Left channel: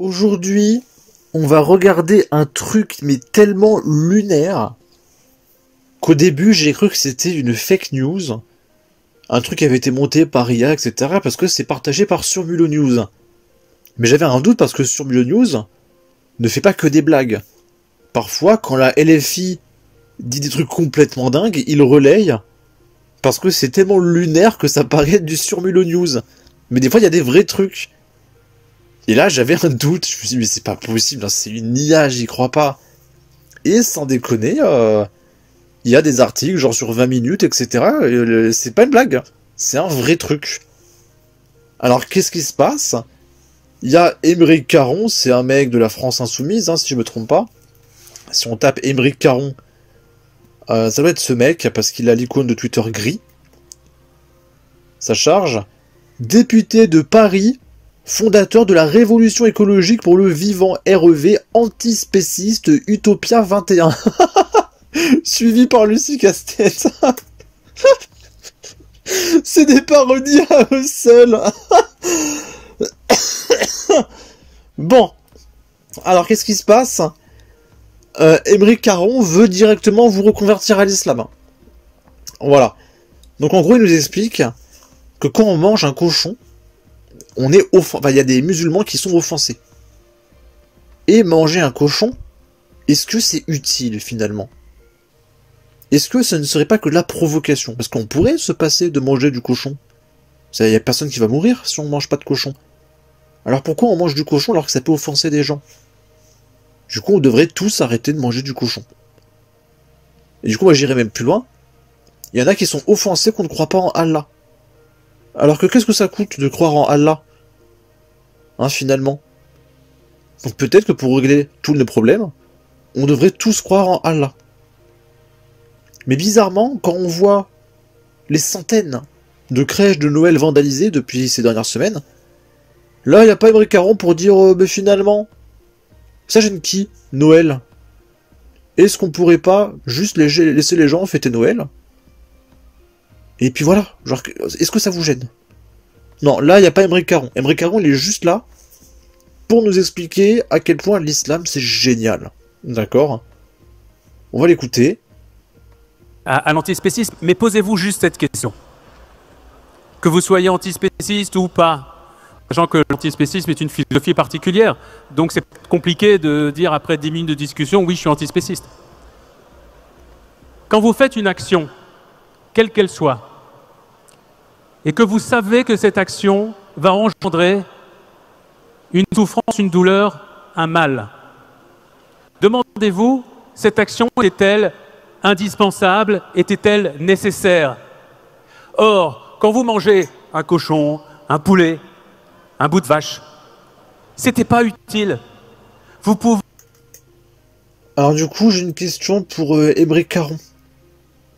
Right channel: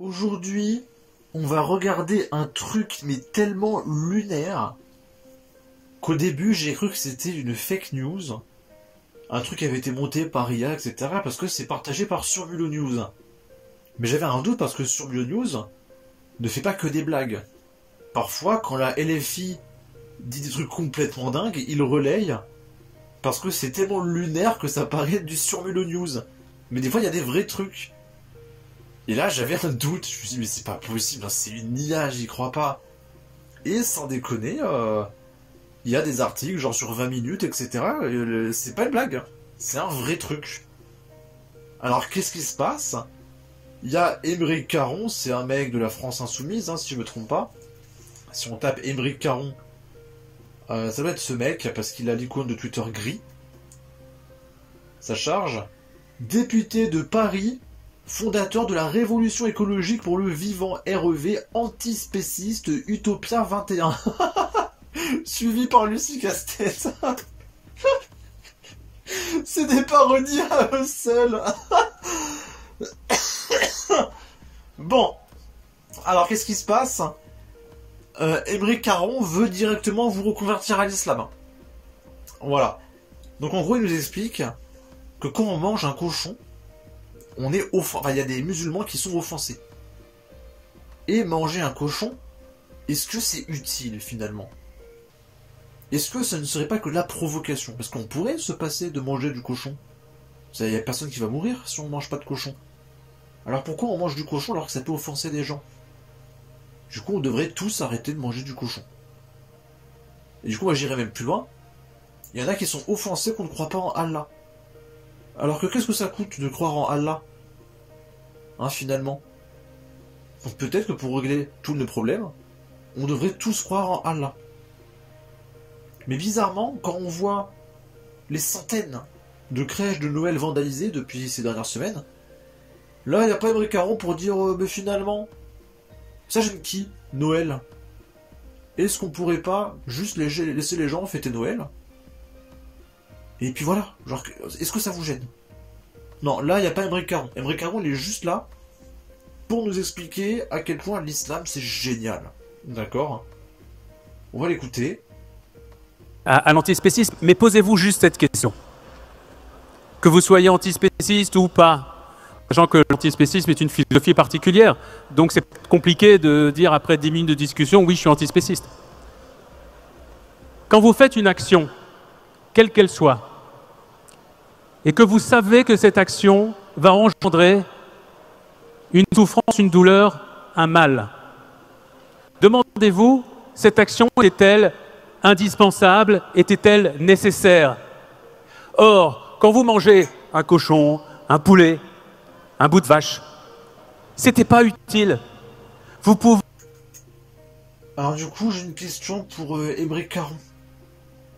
Aujourd'hui, on va regarder un truc mais tellement lunaire qu'au début j'ai cru que c'était une fake news, un truc qui avait été monté par IA, etc. parce que c'est partagé par Surmulo News. Mais j'avais un doute parce que Surmulo News ne fait pas que des blagues. Parfois, quand la LFI dit des trucs complètement dingues, il relaye parce que c'est tellement lunaire que ça paraît du Surmulo News. Mais des fois, il y a des vrais trucs. Et là, j'avais un doute. Je me suis dit, mais c'est pas possible, hein, c'est une IA, j'y crois pas. Et sans déconner, il y a des articles, genre sur 20 minutes, etc. C'est pas une blague. C'est un vrai truc. Alors, qu'est-ce qui se passe? Il y a Aymeric Caron, c'est un mec de la France Insoumise, hein, si je me trompe pas. Si on tape Aymeric Caron, ça doit être ce mec, parce qu'il a l'icône de Twitter gris. Ça charge. Député de Paris, fondateur de la Révolution écologique pour le vivant REV, antispéciste Utopia 21. Suivi par Lucie Castex. C'est des parodies à eux seuls. Bon. Alors, qu'est-ce qui se passe? Aymeric Caron veut directement vous reconvertir à l'islam. Voilà. Donc, en gros, il nous explique que quand on mange un cochon, on est enfin, il y a des musulmans qui sont offensés. Et manger un cochon, est-ce que c'est utile finalement? Est-ce que ce ne serait pas que de la provocation? Parce qu'on pourrait se passer de manger du cochon. Il n'y a personne qui va mourir si on ne mange pas de cochon. Alors pourquoi on mange du cochon alors que ça peut offenser des gens? Du coup, on devrait tous arrêter de manger du cochon. Et du coup, moi j'irais même plus loin. Il y en a qui sont offensés qu'on ne croit pas en Allah. Alors que qu'est-ce que ça coûte de croire en Allah? Hein, finalement. Donc peut-être que pour régler tous les problèmes, on devrait tous croire en Allah. Mais bizarrement, quand on voit les centaines de crèches de Noël vandalisées depuis ces dernières semaines, là, il n'y a pas Aymeric Caron pour dire mais finalement, ça gêne qui, Noël? Est-ce qu'on pourrait pas juste laisser les gens fêter Noël? Et puis voilà, genre, est-ce que ça vous gêne? Non, là, il n'y a pas Aymeric Caron. Aymeric Caron, il est juste là pour nous expliquer à quel point l'islam, c'est génial. D'accord? On va l'écouter. À l'antispécisme, mais posez-vous juste cette question. Que vous soyez antispéciste ou pas, sachant que l'antispécisme est une philosophie particulière, donc c'est compliqué de dire après 10 minutes de discussion, oui, je suis antispéciste. Quand vous faites une action, quelle qu'elle soit, et que vous savez que cette action va engendrer une souffrance, une douleur, un mal, demandez-vous, cette action était-elle indispensable, était-elle nécessaire? Or, quand vous mangez un cochon, un poulet, un bout de vache, c'était pas utile. Vous pouvez... Alors du coup, j'ai une question pour Aymeric Caron.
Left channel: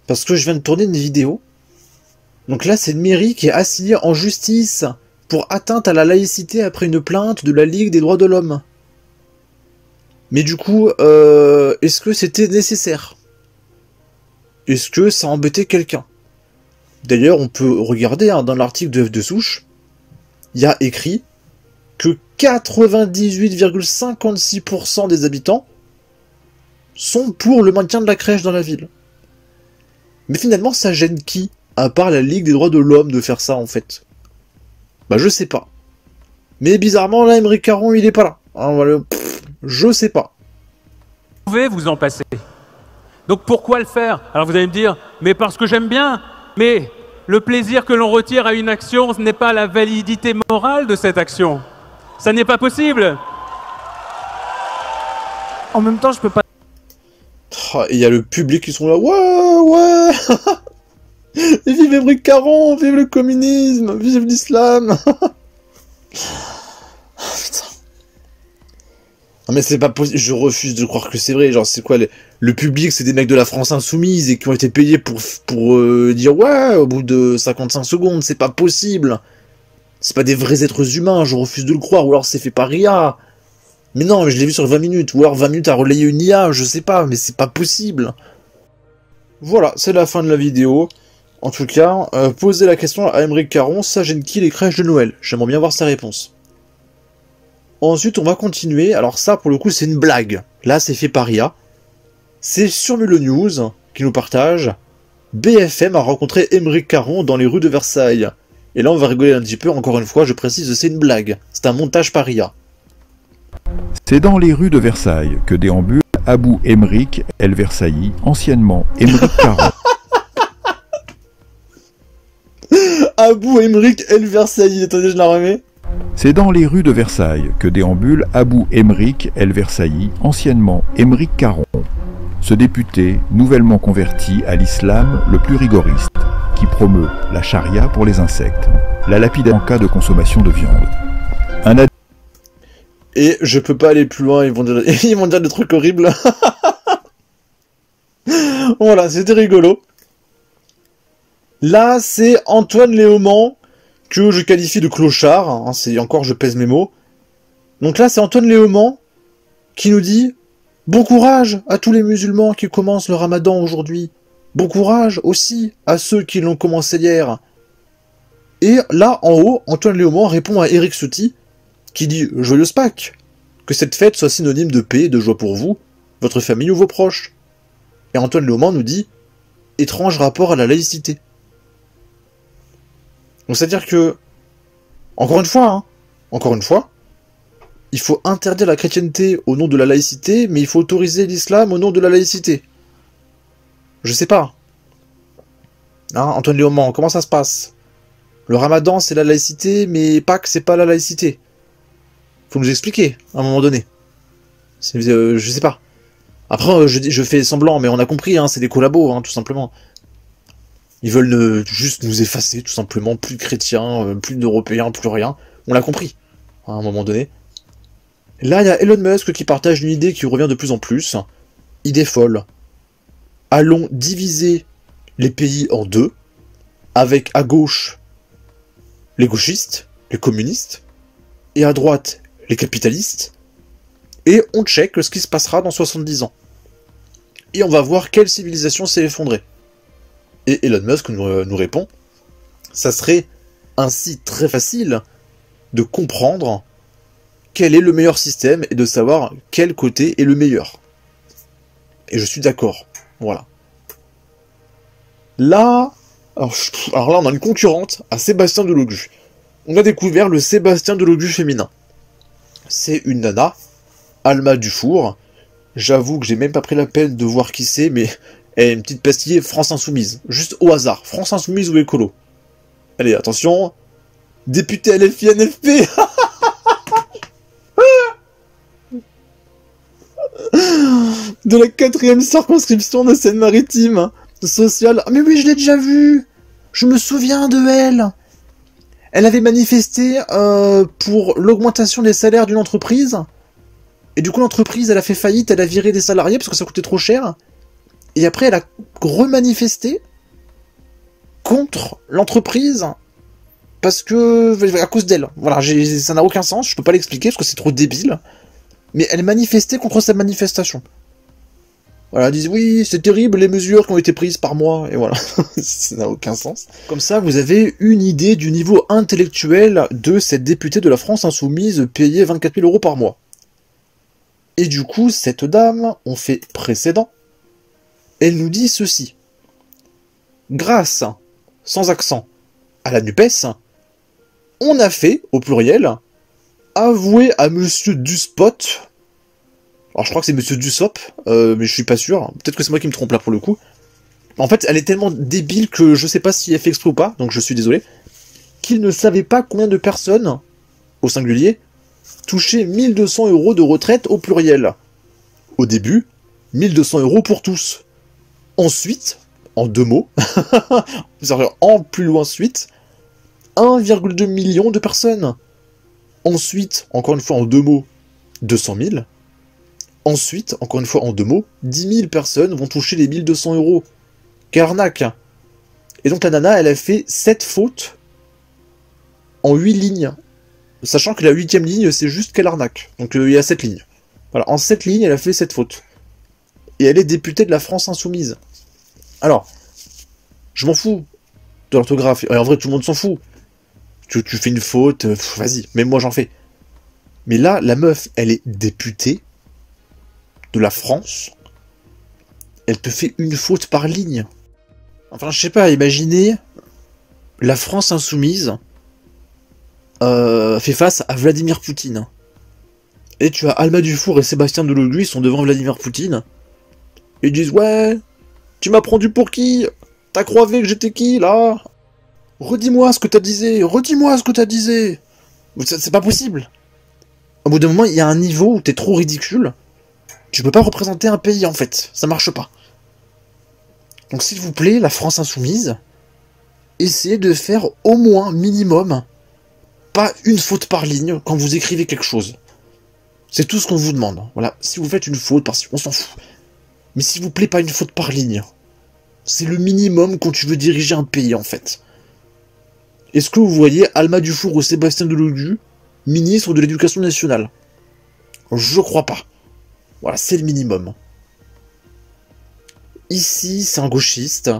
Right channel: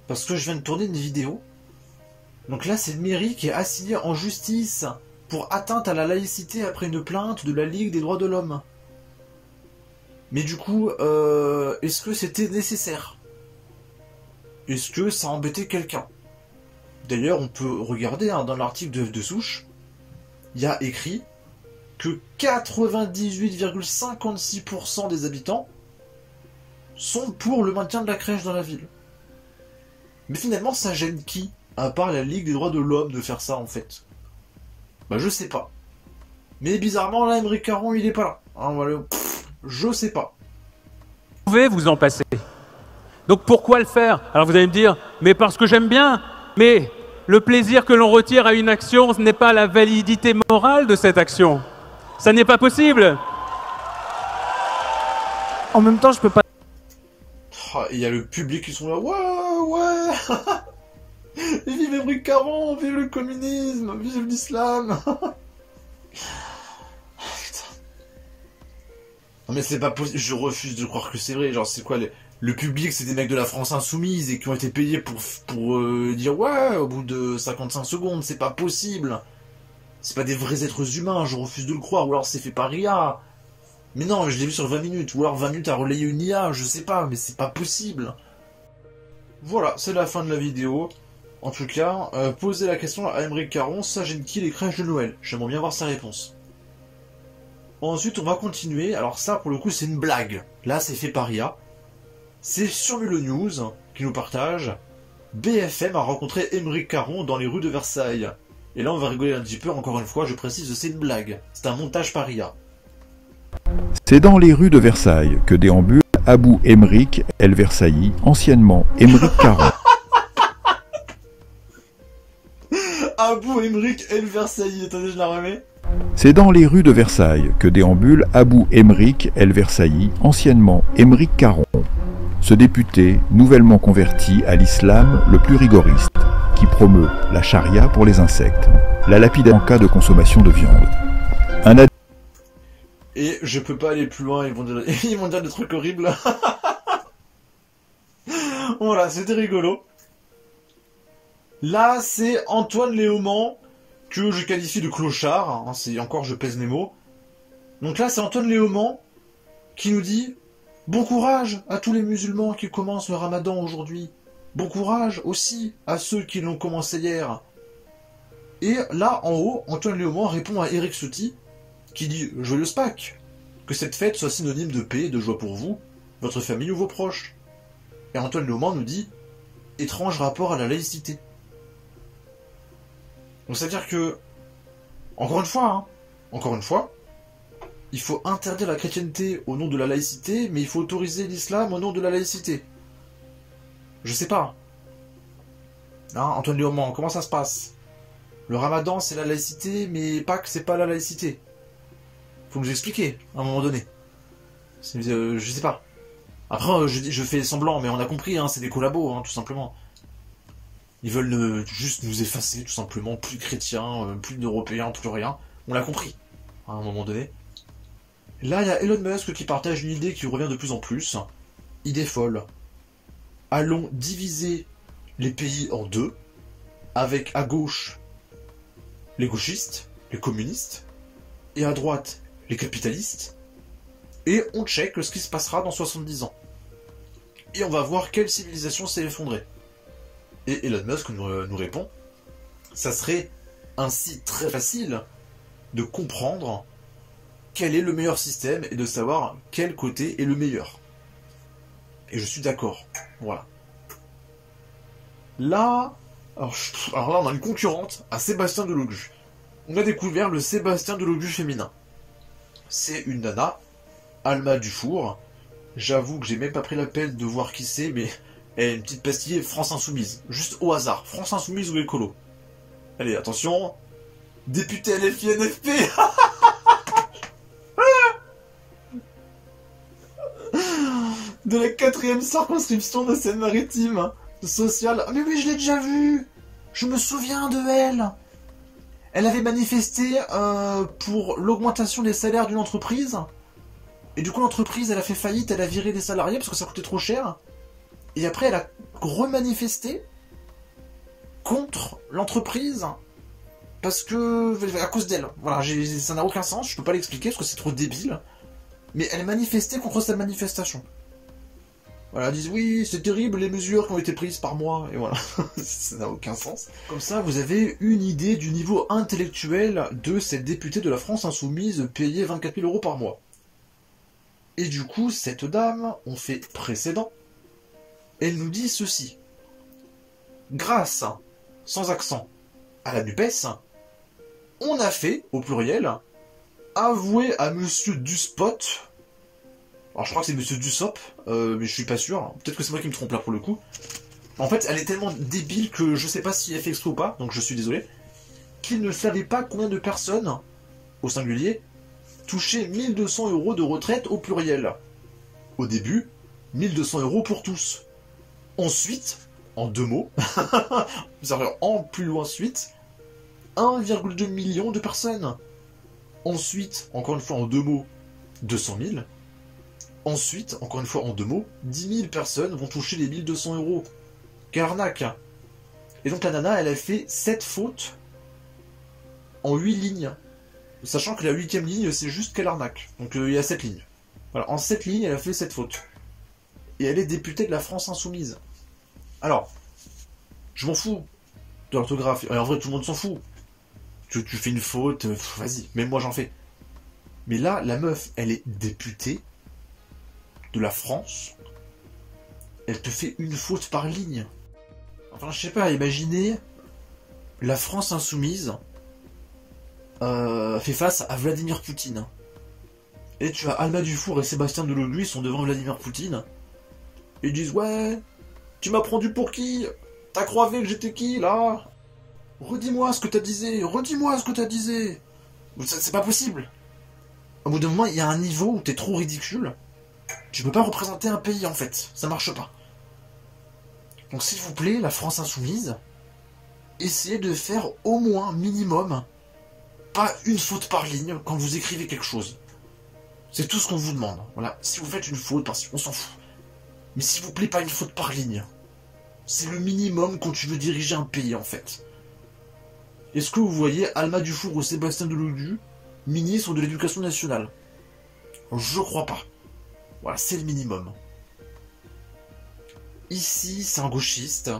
Parce que je viens de tourner une vidéo. Donc là, c'est une mairie qui est assignée en justice pour atteinte à la laïcité après une plainte de la Ligue des droits de l'homme. Mais du coup, est-ce que c'était nécessaire? Est-ce que ça embêtait quelqu'un? D'ailleurs, on peut regarder hein, dans l'article de Souche, il y a écrit que 98,56% des habitants sont pour le maintien de la crèche dans la ville. Mais finalement, ça gêne qui? À part la Ligue des droits de l'homme de faire ça, en fait. Bah, je sais pas. Mais bizarrement, là, Aymeric Caron, il est pas là. Hein, voilà, je sais pas. Vous pouvez vous en passer. Donc pourquoi le faire? Alors vous allez me dire, mais parce que j'aime bien. Mais le plaisir que l'on retire à une action, ce n'est pas la validité morale de cette action. Ça n'est pas possible. En même temps, je peux pas... Il y a le public qui sont là, ouais. Et vive Aymeric Caron, vive le communisme, vive l'islam. Putain. Non mais c'est pas possible, je refuse de croire que c'est vrai. Genre c'est quoi le public, c'est des mecs de la France Insoumise et qui ont été payés pour dire ouais au bout de 55 secondes, c'est pas possible. C'est pas des vrais êtres humains, je refuse de le croire, ou alors c'est fait par IA. Mais non, je l'ai vu sur 20 minutes, ou alors 20 minutes à relayer une IA, je sais pas, mais c'est pas possible. Voilà, c'est la fin de la vidéo. En tout cas, posez la question à Aymeric Caron, ça gêne qui les crèches de Noël? J'aimerais bien voir sa réponse. Ensuite, on va continuer. Alors ça, pour le coup, c'est une blague. Là, c'est fait par IA. C'est sur Mulot News qui nous partage. BFM a rencontré Aymeric Caron dans les rues de Versailles. Et là, on va rigoler un petit peu. Encore une fois, je précise, c'est une blague. C'est un montage par IA. C'est dans les rues de Versailles que déambule Abou Aymeric El Versailly, anciennement Aymeric Caron. Abou Aymeric El Versailly. Attendez, je la remets. C'est dans les rues de Versailles que déambule Abou Aymeric El Versailly, anciennement Aymeric Caron, ce député nouvellement converti à l'islam le plus rigoriste, qui promeut la charia pour les insectes, la lapidation en cas de consommation de viande. Et je peux pas aller plus loin, ils vont dire des trucs horribles. Voilà, c'était rigolo. Là, c'est Antoine Léaumont, que je qualifie de clochard, hein, c'est encore je pèse mes mots. Donc là, c'est Antoine Léaumont qui nous dit « Bon courage à tous les musulmans qui commencent le ramadan aujourd'hui. Bon courage aussi à ceux qui l'ont commencé hier. » Et là, en haut, Antoine Léaumont répond à Eric Ciotti, qui dit « Joyeuse Pâques, que cette fête soit synonyme de paix et de joie pour vous, votre famille ou vos proches. » Et Antoine Léaumont nous dit « Étrange rapport à la laïcité. » Donc c'est-à-dire que, encore une fois, il faut interdire la chrétienté au nom de la laïcité, mais il faut autoriser l'islam au nom de la laïcité. Je sais pas. Hein, Antoine Léaumont, comment ça se passe? Le ramadan c'est la laïcité, mais Pâques c'est pas la laïcité. Faut nous expliquer, à un moment donné. Je sais pas. Après, je fais semblant, mais on a compris, hein, c'est des collabos, hein, tout simplement. Ils veulent juste nous effacer, tout simplement, plus de chrétiens, plus d'Européens, plus rien. On l'a compris, hein, à un moment donné. Là, il y a Elon Musk qui partage une idée qui revient de plus en plus. Idée folle. Allons diviser les pays en deux, avec à gauche les gauchistes, les communistes, et à droite les capitalistes, et on check ce qui se passera dans 70 ans. Et on va voir quelle civilisation s'est effondrée. Et Elon Musk nous répond, ça serait ainsi très facile de comprendre quel est le meilleur système et de savoir quel côté est le meilleur. Et je suis d'accord, voilà. Là, alors là on a une concurrente à Sébastien Delogu. On a découvert le Sébastien Delogu féminin. C'est une nana, Alma Dufour. J'avoue que j'ai même pas pris la peine de voir qui c'est, mais elle est une petite pastille France Insoumise. Juste au hasard. France Insoumise ou écolo. Allez, attention. Député LFI NFP. De la 4e circonscription de Seine-Maritime. Sociale. Mais oui, je l'ai déjà vue. Je me souviens de elle. Elle avait manifesté pour l'augmentation des salaires d'une entreprise. Et du coup, l'entreprise, elle a fait faillite, elle a viré des salariés parce que ça coûtait trop cher. Et après, elle a remanifesté contre l'entreprise parce que... à cause d'elle. Voilà, ça n'a aucun sens, je peux pas l'expliquer parce que c'est trop débile. Mais elle manifestait contre cette manifestation. Voilà, elle disait oui, c'est terrible les mesures qui ont été prises par moi, et voilà, ça n'a aucun sens. Comme ça, vous avez une idée du niveau intellectuel de cette députée de la France Insoumise payée 24 000 € par mois. Et du coup, cette dame, on fait précédent, elle nous dit ceci. Grâce, sans accent, à la NUPES, on a fait, au pluriel, avouer à Monsieur Duspot. Alors je crois que c'est Monsieur Dussop, mais je suis pas sûr. Peut-être que c'est moi qui me trompe là pour le coup. En fait, elle est tellement débile que je sais pas si elle fait exprès ou pas, donc je suis désolé. Qu'il ne savait pas combien de personnes, au singulier, touchaient 1200 € de retraite au pluriel. Au début, 1200 € pour tous. Ensuite, en deux mots, en plus loin ensuite, 1,2 million de personnes. Ensuite, encore une fois en deux mots, 200 000. Ensuite, encore une fois en deux mots, 10 000 personnes vont toucher les 1200 €. Quelle arnaque! Et donc la nana, elle a fait 7 fautes en 8 lignes. Sachant que la 8e ligne, c'est juste quelle arnaque. Donc il y a 7 lignes. Voilà, en 7 lignes, elle a fait 7 fautes. Et elle est députée de la France Insoumise. Alors, je m'en fous de l'orthographe. En vrai, tout le monde s'en fout. Tu fais une faute, vas-y, même moi j'en fais. Mais là, la meuf, elle est députée de la France. Elle te fait une faute par ligne. Enfin, je sais pas, imaginez la France insoumise fait face à Vladimir Poutine. Et tu as Alma Dufour et Sébastien Delogu, ils sont devant Vladimir Poutine. Et ils disent, ouais, tu m'as pris pour qui? T'as croivé que j'étais qui, là? Redis-moi ce que t'as disé, redis-moi ce que t'as disé. C'est pas possible. Au bout d'un moment, il y a un niveau où t'es trop ridicule. Tu peux pas représenter un pays, en fait. Ça marche pas. Donc, s'il vous plaît, la France insoumise, essayez de faire au moins, minimum, pas une faute par ligne quand vous écrivez quelque chose. C'est tout ce qu'on vous demande. Voilà, si vous faites une faute, on s'en fout. Mais s'il vous plaît, pas une faute par ligne. C'est le minimum quand tu veux diriger un pays, en fait. Est-ce que vous voyez Alma Dufour ou Sébastien Delogu, ministre de l'Éducation nationale? Je crois pas. Voilà, c'est le minimum. Ici, c'est un gauchiste.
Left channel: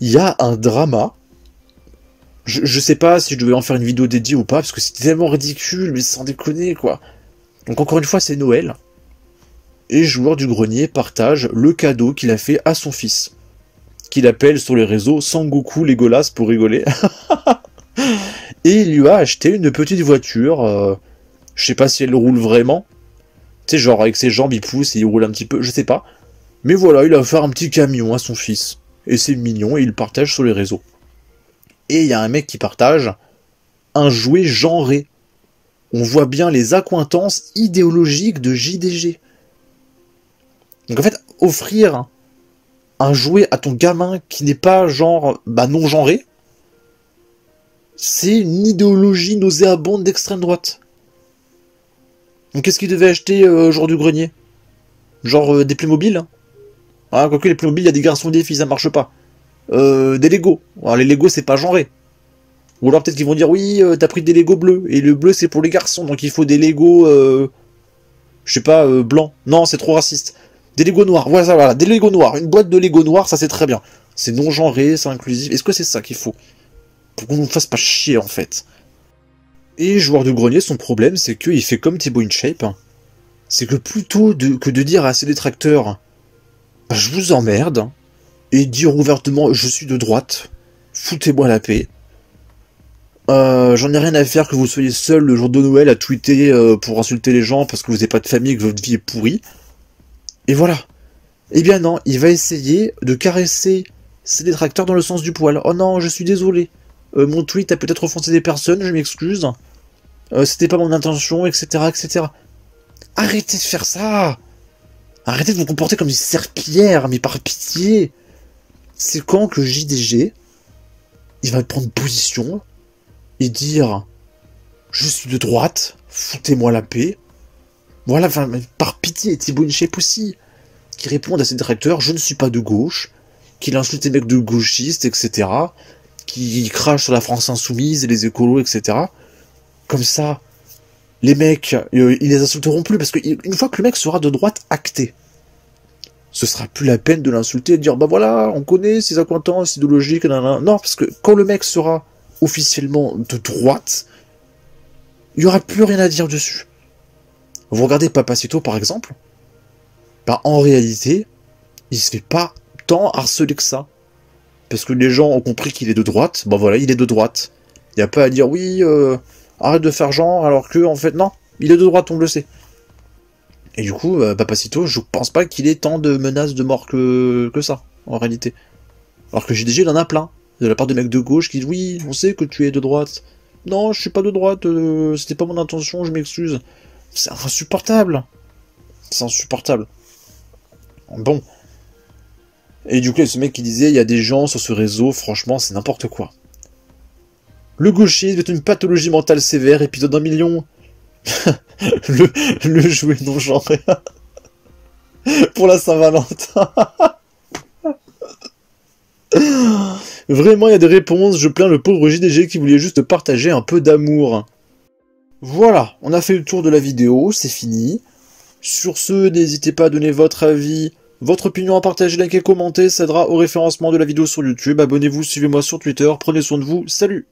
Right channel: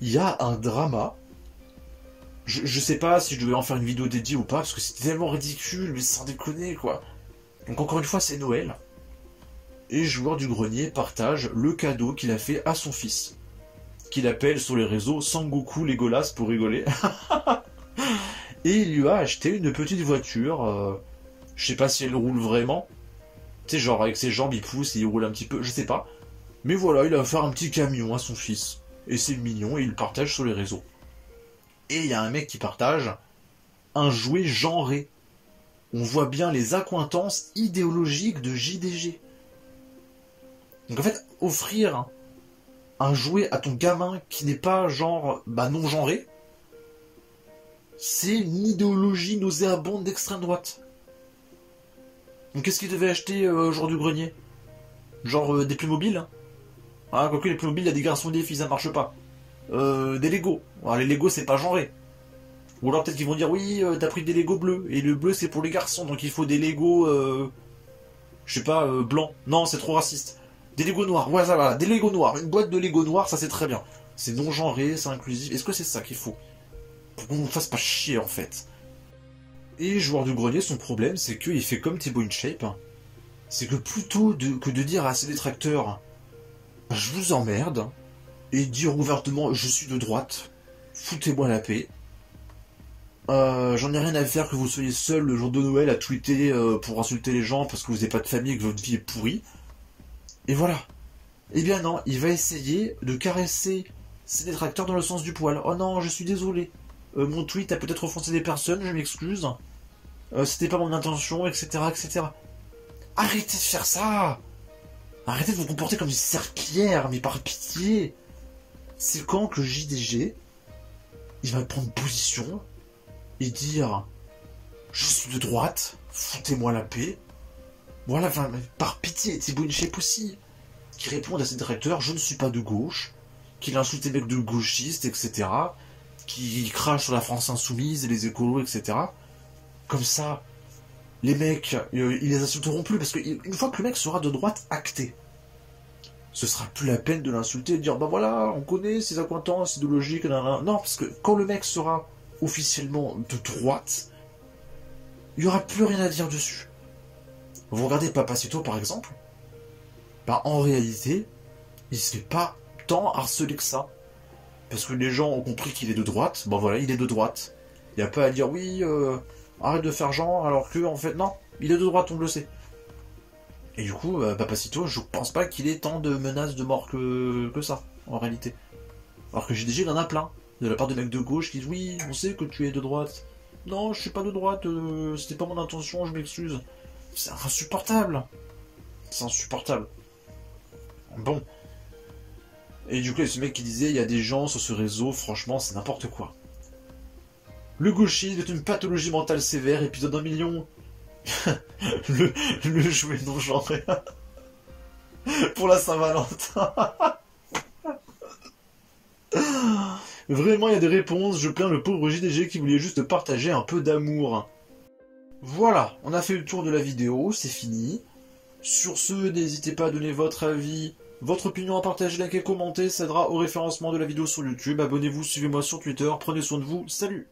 Il y a un drama. Je sais pas si je devais en faire une vidéo dédiée ou pas, parce que c'est tellement ridicule, mais sans déconner, quoi. Donc encore une fois, c'est Noël. Et Joueur du Grenier partage le cadeau qu'il a fait à son fils. Qu'il appelle sur les réseaux Sangoku Legolas pour rigoler. Et il lui a acheté une petite voiture. Je sais pas si elle roule vraiment. Tu sais, genre avec ses jambes, il pousse et il roule un petit peu, je sais pas. Mais voilà, il a offert un petit camion à son fils. Et c'est mignon, et il le partage sur les réseaux. Et il y a un mec qui partage un jouet genré. On voit bien les accointances idéologiques de JDG. Donc en fait, offrir un jouet à ton gamin qui n'est pas genre non genré, c'est une idéologie nauséabonde d'extrême droite. Donc qu'est-ce qu'il devait acheter Jour du Grenier? Genre des Playmobil? Ah, quoique les Playmobil, il y a des garçons et des filles, ça marche pas. Des Lego. Alors les Lego, c'est pas genré. Ou alors peut-être qu'ils vont dire, oui, t'as pris des Lego bleus, et le bleu c'est pour les garçons, donc il faut des Lego, je sais pas, blancs. Non, c'est trop raciste. Des Lego noirs, voilà, des Lego noirs. Une boîte de Lego noirs, ça c'est très bien. C'est non genré, c'est inclusif. Est-ce que c'est ça qu'il faut? Pour qu'on nous fasse pas chier, en fait. Et Joueur du Grenier, son problème, c'est qu'il fait comme Thibaut InShape. C'est que plutôt que de dire à ses détracteurs, je vous emmerde, et dire ouvertement, je suis de droite, foutez-moi la paix. J'en ai rien à faire que vous soyez seul le jour de Noël à tweeter pour insulter les gens parce que vous n'avez pas de famille et que votre vie est pourrie. Et voilà. Eh bien non, il va essayer de caresser ses détracteurs dans le sens du poil. Oh non, je suis désolé. Mon tweet a peut-être offensé des personnes, je m'excuse. C'était pas mon intention, etc., etc. Arrêtez de faire ça. Arrêtez de vous comporter comme une serpillière, mais par pitié. C'est quand que JDG, il va prendre position et dire « Je suis de droite, foutez-moi la paix ». Voilà, enfin, par pitié, Thibaut InShape aussi, qui répond à ses détracteurs « Je ne suis pas de gauche », qu'il insulte les mecs de gauchistes, etc., qui crache sur la France insoumise et les écolos, etc. Comme ça, les mecs, ils les insulteront plus, parce qu'une fois que le mec sera de droite acté, ce sera plus la peine de l'insulter et de dire « Bah voilà, on connaît ses accointances idéologiques, nanana. » Non, parce que quand le mec sera officiellement de droite, il n'y aura plus rien à dire dessus. Vous regardez Papacito par exemple, bah en réalité, il se fait pas tant harceler que ça. Parce que les gens ont compris qu'il est de droite, bah voilà, il est de droite. Il n'y a pas à dire oui, arrête de faire genre, alors que en fait non, il est de droite, on le sait. Et du coup, Papacito, je pense pas qu'il ait tant de menaces de mort que ça, en réalité. Alors que JDG, il en a plein. De la part de mecs de gauche qui disent « Oui, on sait que tu es de droite. » « Non, je suis pas de droite, c'était pas mon intention, je m'excuse. » C'est insupportable. C'est insupportable. Bon. Et du coup, il y a ce mec qui disait « Il y a des gens sur ce réseau, franchement, c'est n'importe quoi. » Le gauchisme est une pathologie mentale sévère, épisode 1 million. le jouet non genré. Pour la Saint-Valentin. Vraiment, il y a des réponses, je plains le pauvre JDG qui voulait juste partager un peu d'amour. Voilà, on a fait le tour de la vidéo, c'est fini. Sur ce, n'hésitez pas à donner votre avis, votre opinion, à partager, liker, commenter, ça aidera au référencement de la vidéo sur YouTube. Abonnez-vous, suivez-moi sur Twitter, prenez soin de vous, salut!